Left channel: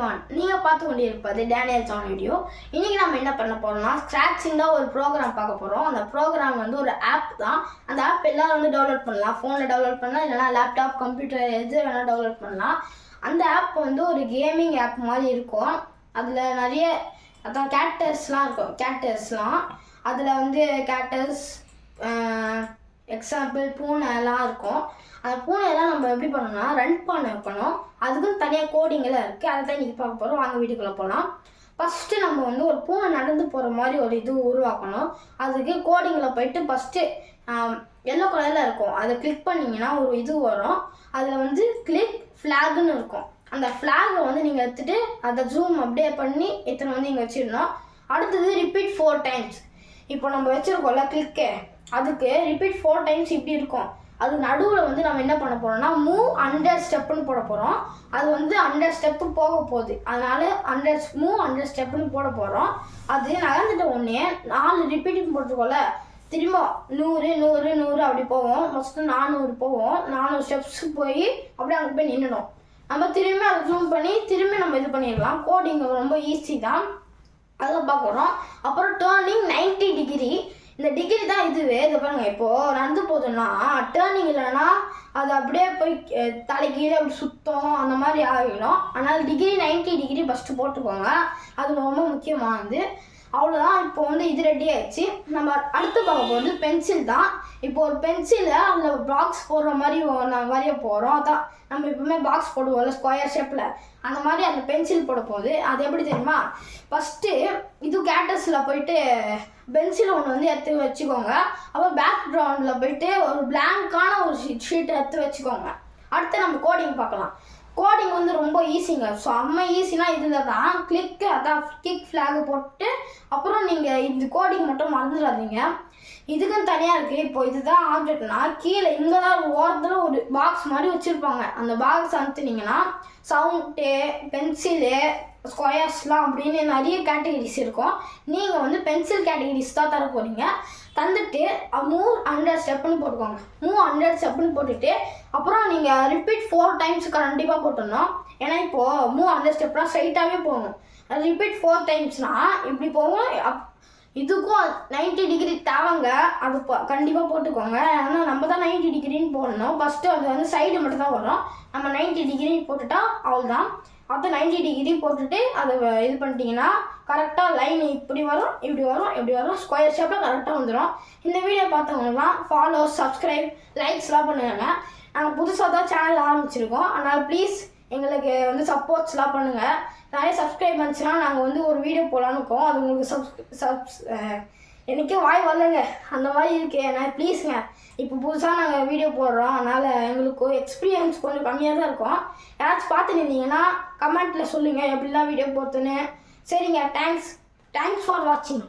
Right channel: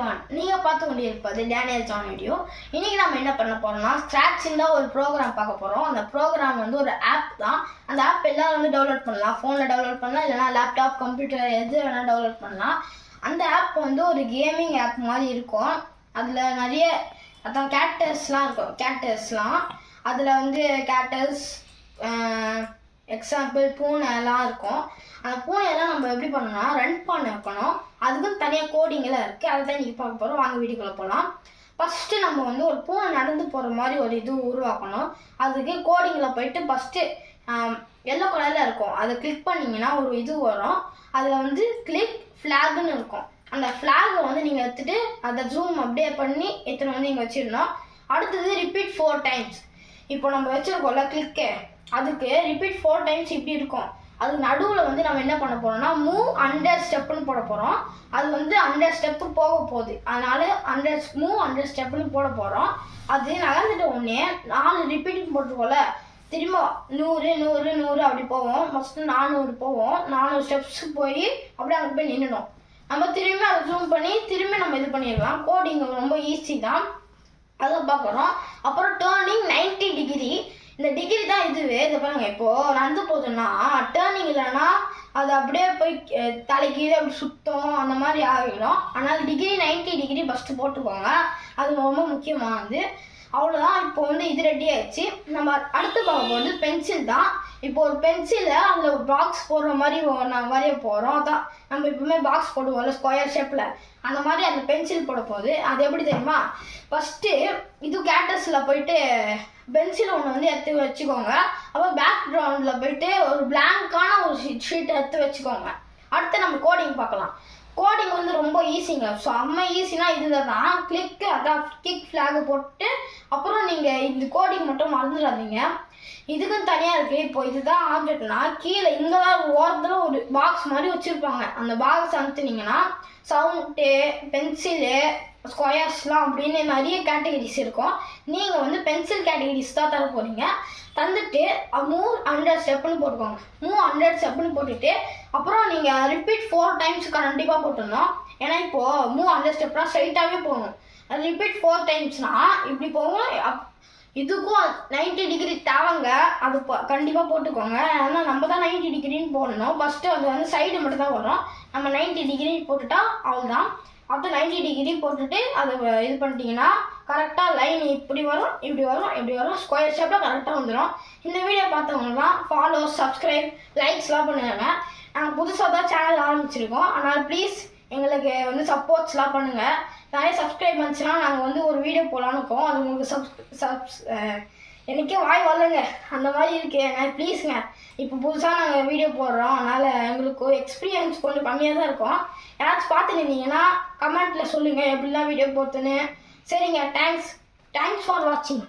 Everyone, நீங்கள் பார்த்து கொண்டிருப்பது டேனியல் ஜான் வீடியோ. இன்றைக்கி நம்ம என்ன பண்ண போகிறோம்னா, ஸ்க்ராட்சிங் தான் ஒரு ப்ரோக்ராம் பார்க்க போகிறோம். அந்த ப்ரோக்ராம் வந்து ஒரு ஆப் தான். அந்த ஆப் எல்லாம் வந்து டவுன்லோட் பண்ணலாம். ஃபோனில் டவுன்லோட் பண்ணலாம், இல்லைனா லேப்டாப், கம்ப்யூட்டர் எது வேணால் டவுன்லோட் பண்ணலாம். அந்த ஆப் வந்து ஒரு கேமிங் ஆப் மாதிரி இருக்கும். அதில் நிறைய கேரக்டர்ஸ்லாம் இருக்கும். அதில் வந்து கேரக்டர்ஸ் எக்ஸாம்பிள் பூனைலாம் இருக்கும். அந்த பூனையெல்லாம் நம்ம எப்படி பண்ணணும்னா ரன் பண்ண வைக்கணும். அதுக்குன்னு தனியாக கோடிங்கெல்லாம் இருக்குது. அதை தான் இன்றைக்கி பார்க்க போகிறோம். வாங்க வீட்டுக்குள்ளே போகலாம். ஃபஸ்ட்டு நம்ம வந்து ஒரு பூனை நடந்து போகிற மாதிரி ஒரு இது உருவாக்கணும். அதுக்கு கோடிங்கில் போயிட்டு ஃபஸ்ட்டு எல்லோ கலரில் இருக்கும். அதை கிளிக் பண்ணிங்கன்னா ஒரு இது வரும். அதில் வந்து கிளிக் ஃப்ளாகுன்னு இருக்கும். அந்த ஃப்ளாகை வந்து நீங்கள் எடுத்துகிட்டு அதை ஜூம் அப்படியே பண்ணி எடுத்துன்னு வந்து இங்கே வச்சிடணும். அடுத்தது ரிப்பீட் 4 times. இப்போ நம்ம வச்சுருக்கோம்ல கிளிக்கு, அதுக்கு ரிப்பீட் 4 times இப்படி இருக்கும். அது நடுவில் வந்து நம்ம என்ன பண்ண போகிறோம்னா மூவ் 100 ஸ்டெப்புன்னு போட போகிறோம். அது வந்து 100 ஸ்டெப்பு போக போகுது. அதனால் மூவ் 100 ஸ்டெப்புன்னு போட போகிறோம். அது நகர்ந்துட்ட உடனே 4 ரிப்பீட்டிங் போட்டிருக்கோம்ல, திரும்ப 100 100 100 அப்படி போவோம். ஃபஸ்ட்டு 400 போவோம். 400 ஸ்டெப்ஸ் போய் அப்படியே அங்கே போய் நின்றுடும். நம்ம திரும்பி அதை ஜூம் பண்ணி திரும்பி நம்ம இது பண்ணிடலாம். கோடிங் ரொம்ப ஈஸி தான், அதை பார்க்குறோம். அப்புறம் டேர்னிங் 90 டிகிரி. இந்த டிகிரி தான் இதுவே. இதை பாருங்க, இப்போது நடந்து போதுன்னா டேர்னிங் இல்லைன்னா அது அப்படியே போய் தலைக்கீழே அப்படி சுத்தம் அந்த மாதிரி ஆகிடும். அதனால் டிகிரி 90 டிகிரி ஃபஸ்ட்டு போட்டுக்கோங்க. அது ரொம்ப முக்கியமானது. அவ்வளோதான். இப்போ வந்து இது ரெடி ஆகிடுச்சு. நம்ம அடுத்து பார்க்க போகிறது பென்சில் தான். இப்போ ஒரு பென்சிலை அதில் பாக்ஸ் போடுற மாதிரி நான் வரைய போகிறோம். அதான் நம்ம எப்பவுமே பாக்ஸ் போடுவோம்ல ஸ்கொயர் ஷேப்பில், அந்த மாதிரி அந்த பென்சில் போட போகுது. அது எப்படி தெரியுமா, ஃபஸ்ட்டு இது கேரக்டர்ஸில் போயிட்டு பென்சில் ஒன்று வந்து எடுத்து வச்சுக்கோங்க. அப்புறம் பேக்ரவுண்டில் போயிட்டு ஒரு பிளாங்கான ஒரு ஷீட்டை எடுத்து வச்சுக்கோங்க. அடுத்து நம்ம கோடிங் பார்க்கலாம். கோடிங் வந்து ரொம்ப ஈஸிங்க. ஸோ ஈஸினா இதில் தான் கிளிக்கு, அதான் கிளிக் ஃப்ளாகு போட்டு அப்புறம் நீங்கள் இந்த கோடிங் மட்டும் மறந்துடாதீங்க. இதுக்கும் தனியாக இருக்குது. இப்போ இதுதான் ஆப்ஜெக்ட்னா கீழே இங்கே தான் ஓரத்தில் ஒரு பாக்ஸ் மாதிரி வச்சுருப்பாங்க. அந்த பாக்ஸ் அனுத்துனீங்கன்னா சவுண்டு, பென்சிலு, ஸ்கொயர்ஸ்லாம் அப்படின்னு நிறைய கேட்டகரிஸ் இருக்கும். நீங்கள் வந்து பென்சில் கேட்டகரிஸ் தான் தர போகிறீங்க. தந்துட்டு மூவ் 100 ஸ்டெப்புன்னு போட்டுக்கோங்க. மூவ் 100 ஸ்டெப்புன்னு போட்டுட்டு அப்புறம் நீங்கள் ரிப்பீட் 4 times கண்டிப்பாக போட்டுடணும். ஏன்னா இப்போது மூவ் 100 ஸ்டெப்னால் ஸ்ட்ரைட்டாகவே போகணும். அது ரிப்பீட் 4 timesனால் இப்படி போகும். இதுக்கும் 90 டிகிரி தேவைங்க. அது கண்டிப்பாக போட்டுக்கோங்க. ஏன்னா நம்ம தான் 90 டிகிரின்னு போடணும். ஃபஸ்ட்டு அது வந்து சைடு மட்டும் தான் வரும். நம்ம 90 டிகிரி போட்டுட்டா அவ்வளோதான். அது 90 டிகிரி போட்டுட்டு அதை இது பண்ணிட்டீங்கன்னா கரெக்டாக லைன் இப்படி வரும், இப்படி வரும், இப்படி வரும், ஸ்கொயர் ஷேப்பில் கரெக்டாக வந்துடும். இந்த வீடியோ பார்த்தவங்கலாம் ஃபாலோ, சப்ஸ்கிரைப், லைக்ஸ்லாம் பண்ணுவாங்க. நாங்கள் புதுசாக தான் சேனல் ஆரம்பிச்சிருக்கோம். அதனால் ப்ளீஸ் எங்களுக்கு வந்து சப்போர்ட்ஸ்லாம் பண்ணுங்கள். நிறைய சப்ஸ்கிரைப் பண்ணிச்சுன்னா நாங்கள் வந்து ஒரு வீடியோ போகலான்னு இருக்கோம். அது உங்களுக்கு எனக்கே வாய் வரலங்க, அந்த மாதிரி இருக்கேங்க. ப்ளீஸுங்க, இப்போ புதுசாக நாங்கள் வீடியோ போடுறோம். அதனால் எங்களுக்கு எக்ஸ்பீரியன்ஸ் கொஞ்சம் கம்மியாக தான் இருக்கும். யாராச்சும் பார்த்துட்டு இருந்தீங்கன்னா கமெண்ட்டில் சொல்லுங்கள் எப்படிலாம் வீடியோ போட்டுன்னு. சரிங்க, தேங்க்ஸ் ஃபார் வாட்சிங்.